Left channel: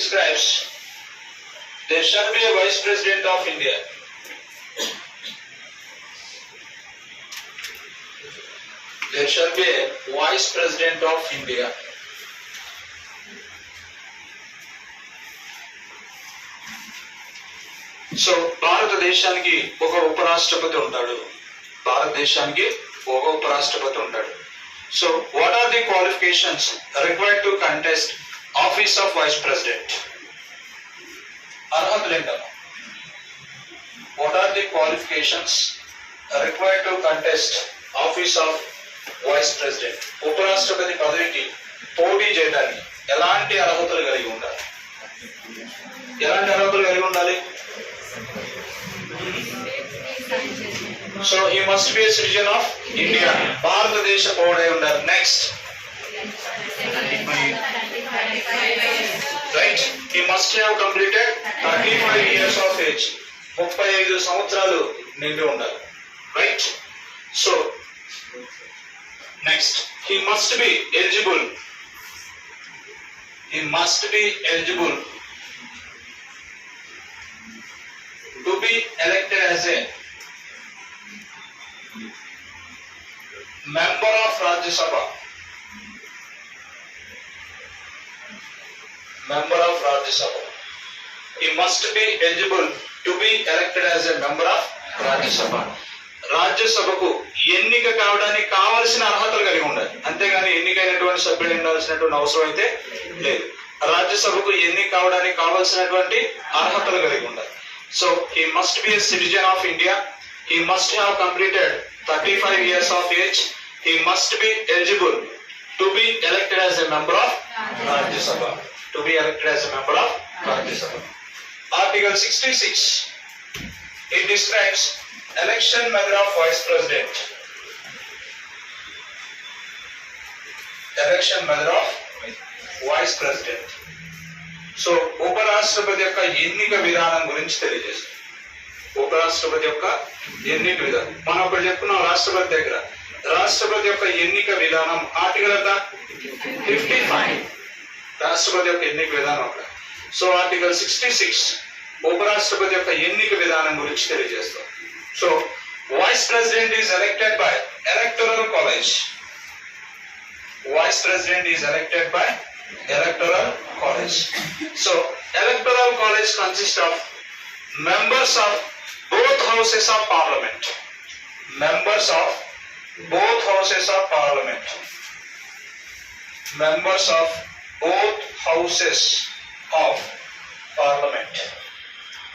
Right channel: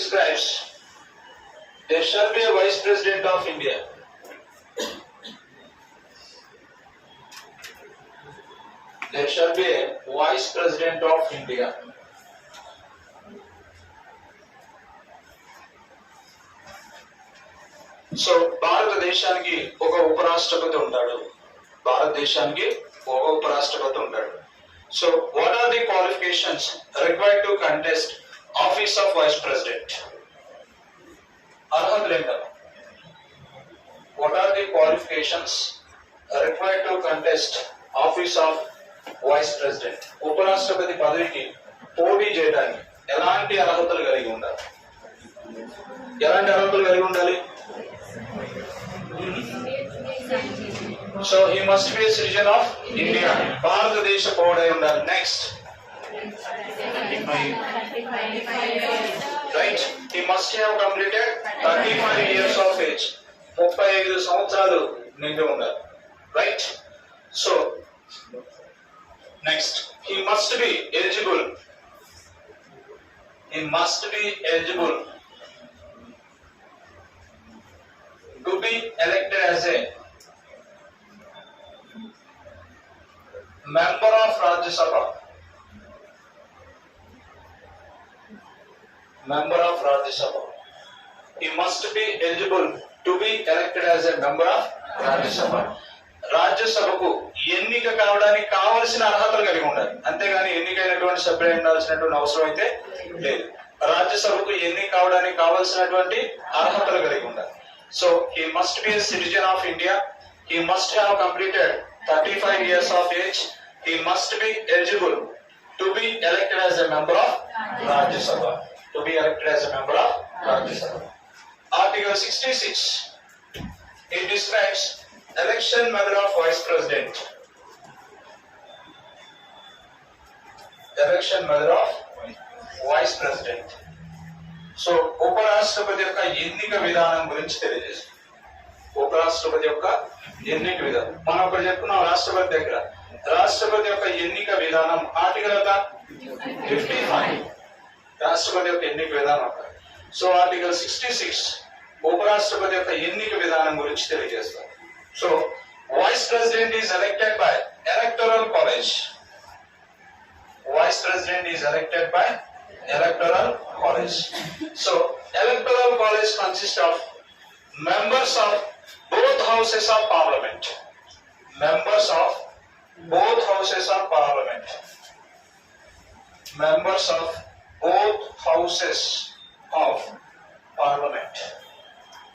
describes there shall be a Vice President of India. There shall be a Vice President of India. So భారతదేశానికి ఒక ఉపరాష్ట్రపతి ఉంటాడు. భారతదేశానికి ఒక ఉపరాష్ట్రపతి ఉంటాడు. So what are the qualifications required to contest office of vice president? అర్హతలు ఏంటన్నా? What are the qualifications required to contest office of vice president? ఉపరాష్ట్రపతి పదవికి పోటీ చేయడానికి ఎలాంటి అర్హతలు కలిగి ఉండాలి? ఎలాంటి అర్హతలు కలిగి ఉండాలి? So he must be a citizen of India. భారతదేశ పౌరుడై ఉండాలి. Next, right, he must have completed 35 years of age. 35 సంవత్సరాలు నిండి ఉండాలి. Right. So next, he must be eligible. He must be eligible to be elected as a member of Rajya Sabha. Member of Rajya Sabha. He must be eligible to be elected as a member of Rajya Sabha. రాజ్యసభకు ఎన్నిక కావడానికి కావలసిన అర్హతలు కలిగి ఉండాలి. అంతేగాని ఎన్నికైనటువంటి సభ్యులు ఉండాల్సినటువంటి అవసరం అయితే లేదు. రాజ్యసభకు ఎన్నిక కావడానికి కావలసినటువంటి అర్హతలు కలిగి ఉండాలి. So he must be a citizen of India. He must have completed 35 years of age. He must be eligible to be elected as a member of Rajya Sabha. To be elected as a member of Rajya Sabha. Article 66. It describes election method of Vice President. Election method of Vice President. So ఉపరాష్ట్రపతి యొక్క ఎన్నిక విధానం గురించి తెలియజేస్తుంది. ఉపరాష్ట్రపతి యొక్క ఎన్నిక విధానం మనం ఒకటి చెప్పుకున్నాం. రాష్ట్రపతి దగ్గర రాష్ట్రపతి యొక్క ఎన్నిక విధానం ఆర్టికల్ ఎంత? 55. రాష్ట్రపతి యొక్క ఎన్నిక విధానం అక్కడ. సో ఆర్టికల్ 66 ఉపరాష్ట్రపతి యొక్క ఎన్నిక విధానం గురించి తెలియజేస్తాం. So vice president is elected by electoral college. Vice president is elected by electoral college. So electoral college consists of members of both houses of parliament. Members of both houses of parliament. Members of both houses